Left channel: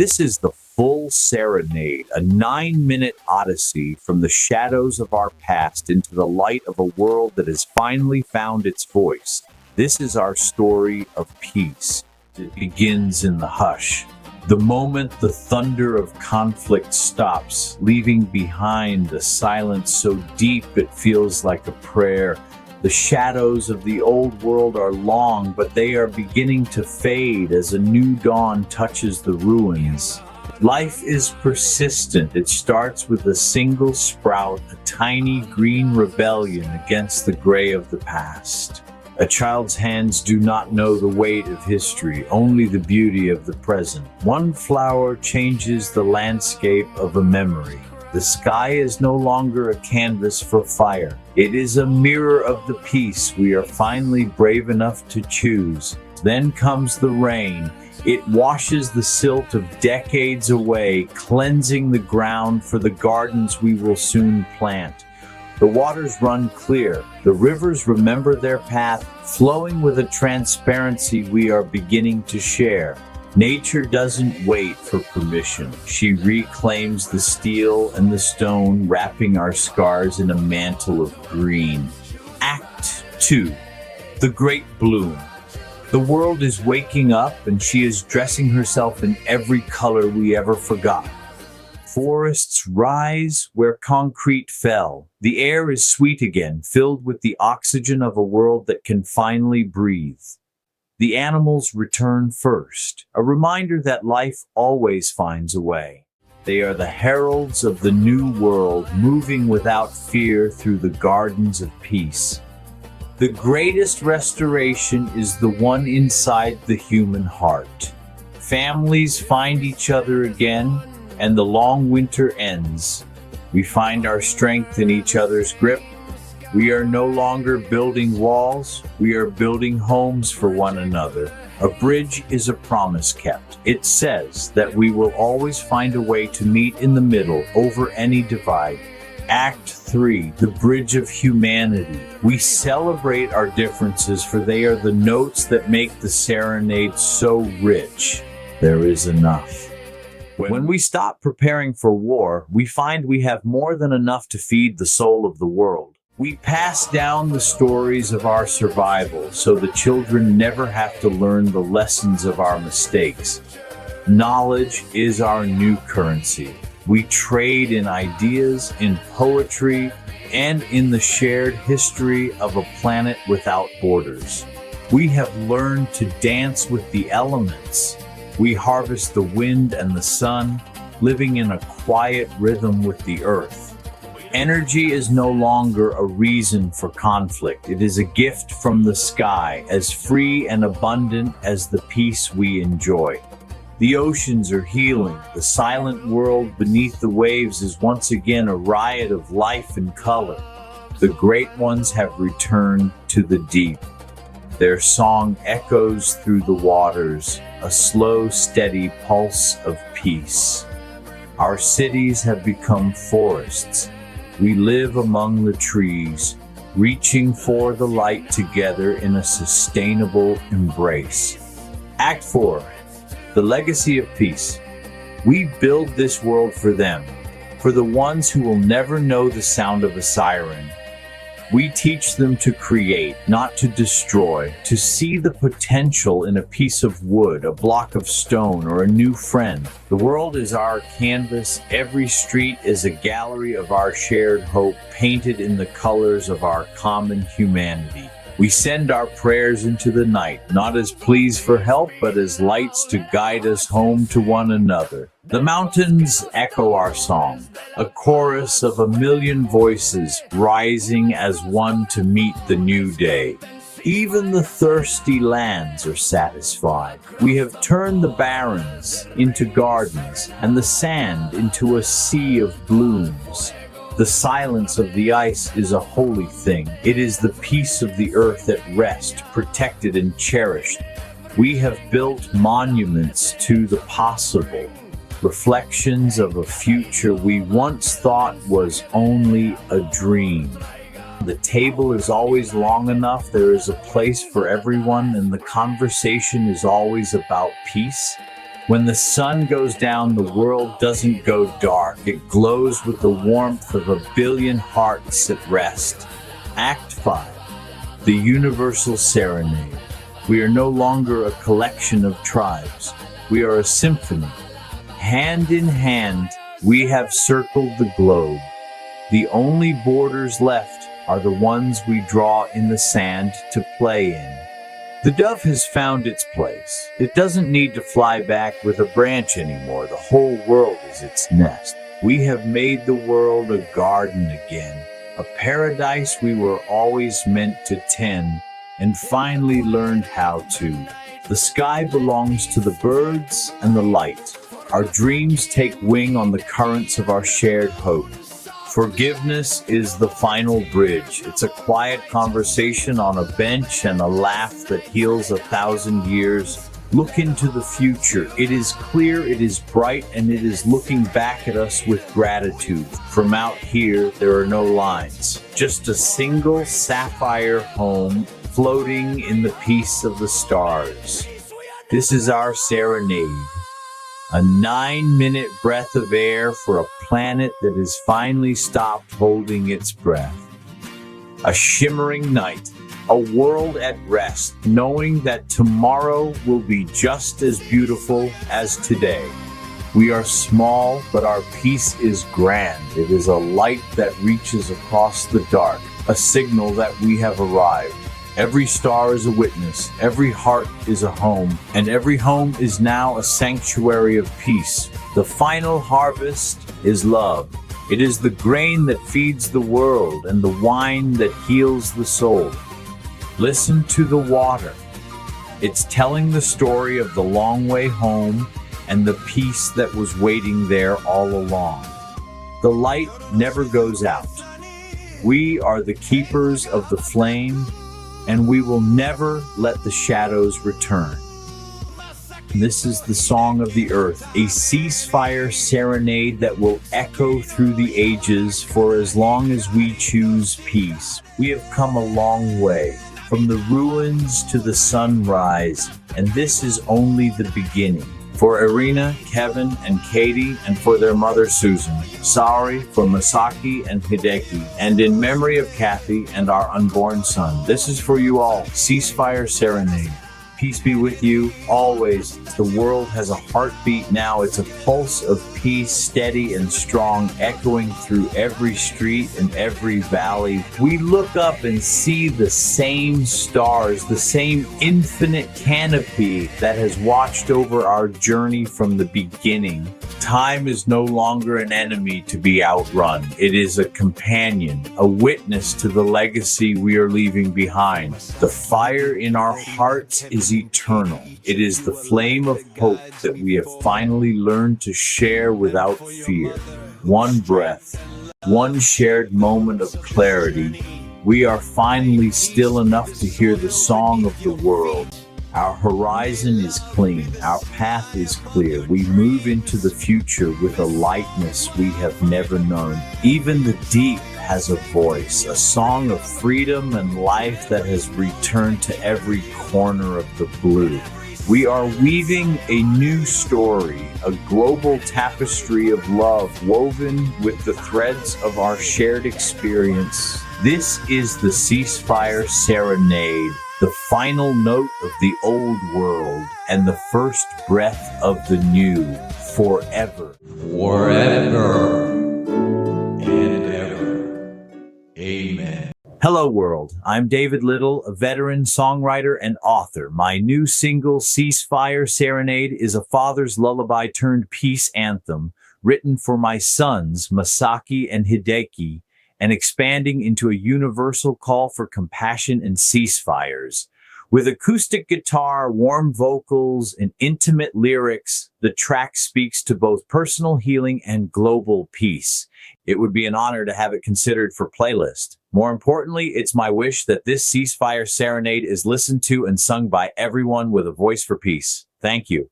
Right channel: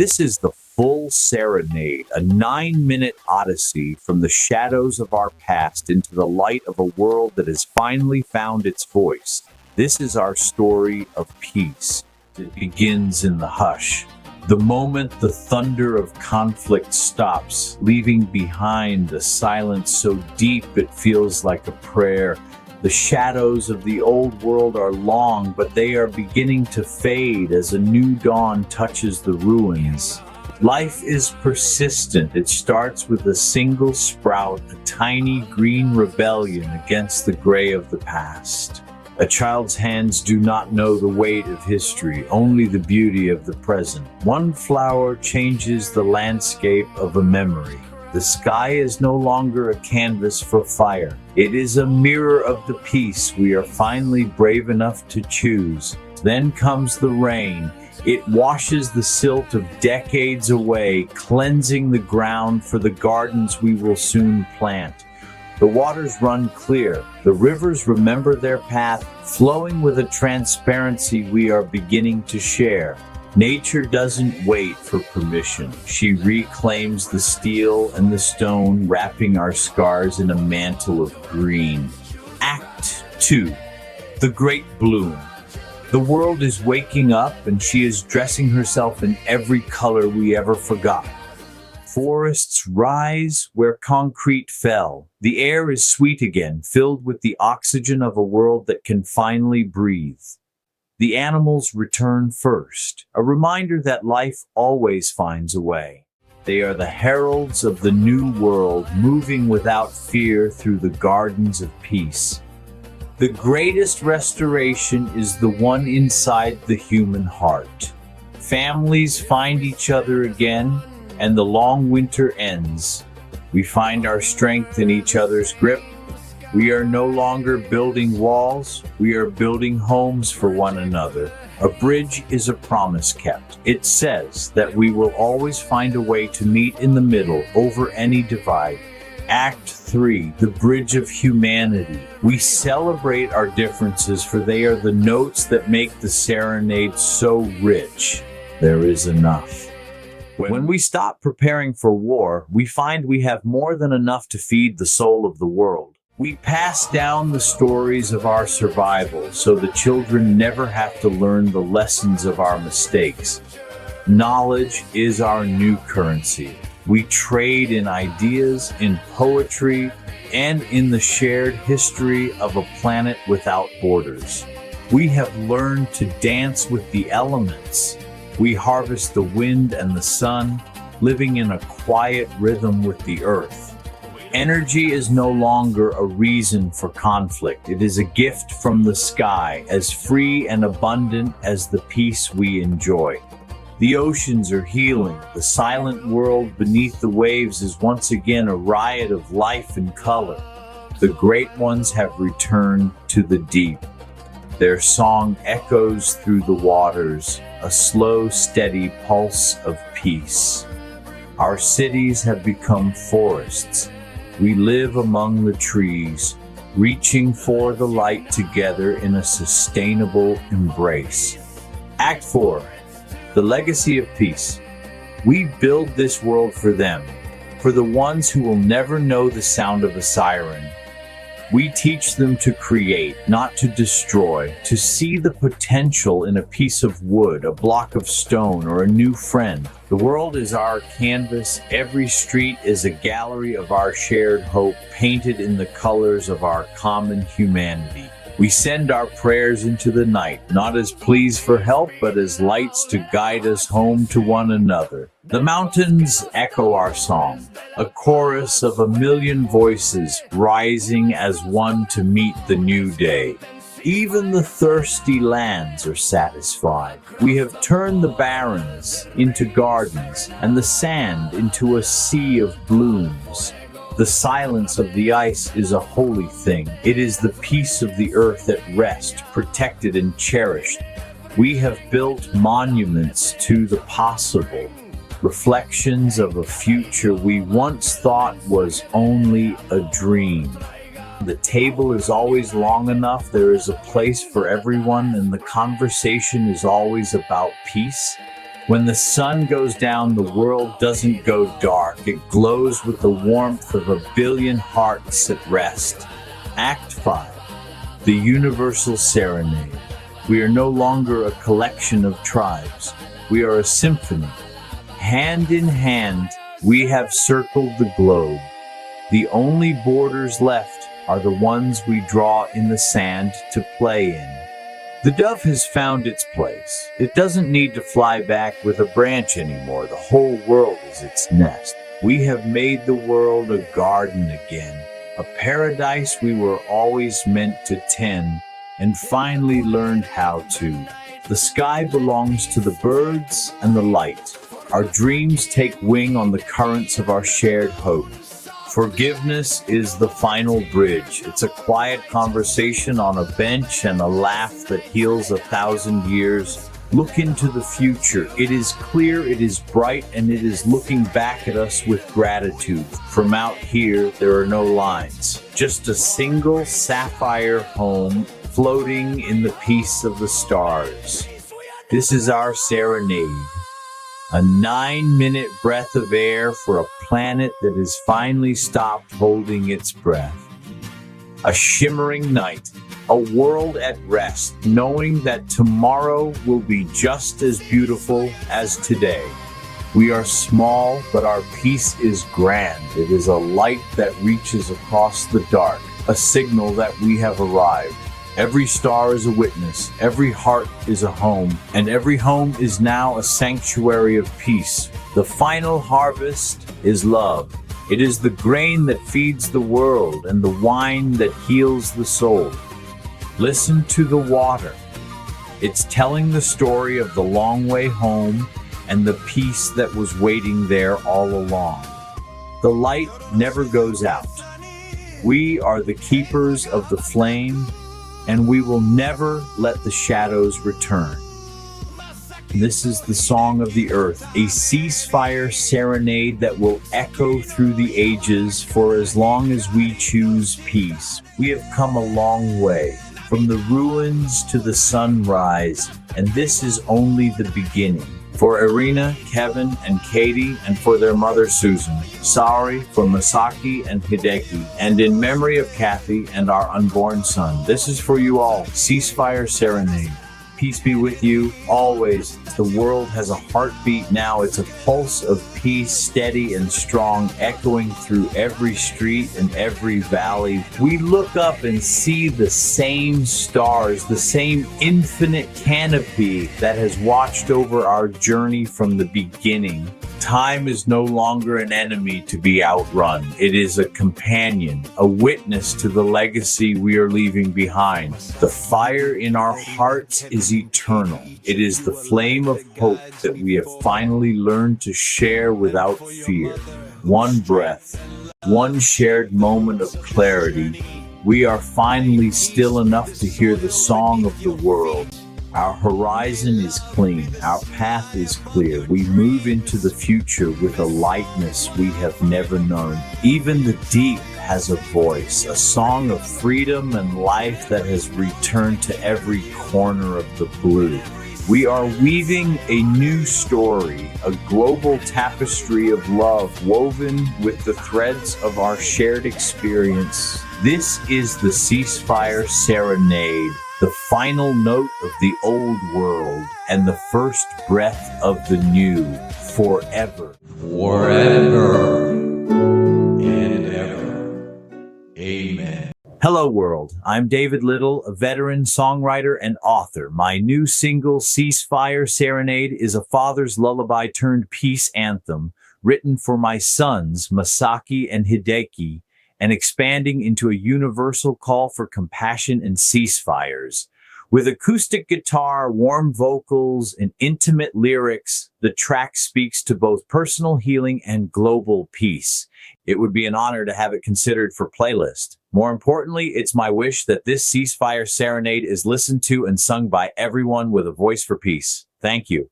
This is the Full Serenade, a 9-minute odyssey from the shadows of our past into the light of a world that has finally found its voice. This is our story of peace. It begins in the hush. The moment the thunder of conflict stops, leaving behind a silence so deep it feels like a prayer. The shadows of the old world are long, but they are beginning to fade as a new dawn touches the ruins. Life is persistent. It starts with a single sprout, a tiny green rebellion against the gray of the past. A child's hands do not know the weight of history, only the beauty of the present. One flower changes the landscape of a memory. The sky is no longer a canvas for fire. It is a mirror of the peace we are finally brave enough to choose. Then comes the rain. It washes the silt of decades away, cleansing the ground for the gardens we will soon plant. The waters run clear. The rivers remember their path, flowing with a transparency we are beginning to share. Nature doesn't wait for permission. She reclaims the steel and the stone, wrapping our scars in a mantle of green. Act 2. The Great Bloom. The world is waking up, and she is dressing herself in every color we ever forgot. Forests rise where concrete fell. The air is sweet again, filled with the oxygen of a world that can finally breathe. The animals return first, a reminder that life always finds a way. They are the heralds of the new world, moving without fear through the gardens of peace. The greatest restoration is the one inside the human heart. Families find each other again, and the long winter ends. We find our strength in each other's grip. We are no longer building walls, we are building homes for one another. A bridge is a promise kept. It says that we will always find a way to meet in the middle over any divide. Act 3, the Bridge of Humanity. We celebrate our differences, for they are the notes that make the serenade so rich. There is enough. When we stop preparing for war, we find we have more than enough to feed the soul of the world. We pass down the stories of our survival so the children never have to learn the lessons of our mistakes. Knowledge is our new currency. We trade in ideas, in poetry, and in the shared history of a planet without borders. We have learned to dance with the elements. We harvest the wind and the sun, living in a quiet rhythm with the earth. Energy is no longer a reason for conflict. It is a gift from the sky, as free and abundant as the peace we enjoy. The oceans are healing. The silent world beneath the waves is once again a riot of life and color. The great ones have returned to the deep. Their song echoes through the waters, a slow, steady pulse of peace. Our cities have become forests. We live among the trees, reaching for the light together in a sustainable embrace. Act 4, the Legacy of Peace. We build this world for them, for the ones who will never know the sound of a siren. We teach them to create, not to destroy, to see the potential in a piece of wood, a block of stone, or a new friend. The world is our canvas. Every street is a gallery of our shared hope, painted in the colors of our common humanity. We send our prayers into the night, not as pleas for help, but as lights to guide us home to one another. The mountains echo our song, a chorus of a million voices rising as one to meet the new day. Even the thirsty lands are satisfied. We have turned the barrens into gardens, and the sand into a sea of blooms. The silence of the ice is a holy thing. It is the peace of the earth at rest, protected and cherished. We have built monuments to the possible, reflections of a future we once thought was only a dream. The table is always long enough, there is a place for everyone, and the conversation is always about peace. When the sun goes down, the world doesn't go dark. It glows with the warmth of a billion hearts at rest. Act 5. The Universal Serenade. We are no longer a collection of tribes. We are a symphony. Hand in hand, we have circled the globe. The only borders left are the ones we draw in the sand to play in. The dove has found its place. It doesn't need to fly back with a branch anymore. The whole world is its nest. We have made the world a garden again, a paradise we were always meant to tend, and finally learned how to. The sky belongs to the birds and the light. Our dreams take wing on the currents of our shared hope. Forgiveness is the final bridge. It's a quiet conversation on a bench and a laugh that heals 1,000 years. Look into the future. It is clear, it is bright, and it is looking back at us with gratitude. From out here, there are no lines. Just a single sapphire home floating in the peace of the stars. This is our serenade. A 9-minute breath of air for a planet that has finally stopped holding its breath. A shimmering night, a world at rest, knowing that tomorrow will be just as beautiful as today. We are small, but our peace is grand. It is a light that reaches across the dark, a signal that we have arrived. Every star is a witness, every heart is a home, and every home is now a sanctuary of peace. The final harvest is love. It is the grain that feeds the world and the wine that heals the soul. Listen to the water. It's telling the story of the long way home and the peace that was waiting there all along. The light never goes out. We are the keepers of the flame, and we will never let the shadows return. This is the song of the earth, a ceasefire serenade that will echo through the ages for as long as we choose peace. We have come a long way, from the ruins to the sunrise, and this is only the beginning. For Irina, Kevin, and Katie, and for their mother Susan. Sorry for Masaki and Hideki, and in memory of Kathy and our unborn son. This is for you all. Ceasefire Serenade. Peace be with you always. The world has a heartbeat now. It's a pulse of peace, steady and strong, echoing through every street and every valley. We look up and see the same stars, the same infinite canopy that has watched over our journey from the beginning. Time is no longer an enemy to be outrun. It is a companion, a witness to the legacy we are leaving behind. The fire in our hearts is eternal. It is the flame of hope that we have finally learned to share without fear. One breath, one shared moment of clarity. We are finally still enough to hear the song of the world. Our horizon is clean. Our path is clear. We move into the future with a lightness we have never known. Even the deep has a voice, a song of freedom and life that has returned to every corner of the blue. We are weaving a new story, a global tapestry of love woven with the threads of our shared experience. This is the Ceasefire Serenade, the final note of the old world and the first breath of the new, forever. Forever and ever. Amen. Hello world, I'm David Liddle, a veteran songwriter and author. My new single, Ceasefire Serenade, is a father's lullaby turned peace anthem written for my sons, Masaki and Hideki, and expanding into a universal call for compassion and ceasefires. With acoustic guitar, warm vocals, and intimate lyrics, the track speaks to both personal healing and global peace. It would be an honor to have it considered for playlist. More importantly, it's my wish that this Ceasefire Serenade is listened to and sung by everyone with a voice for peace. Thank you.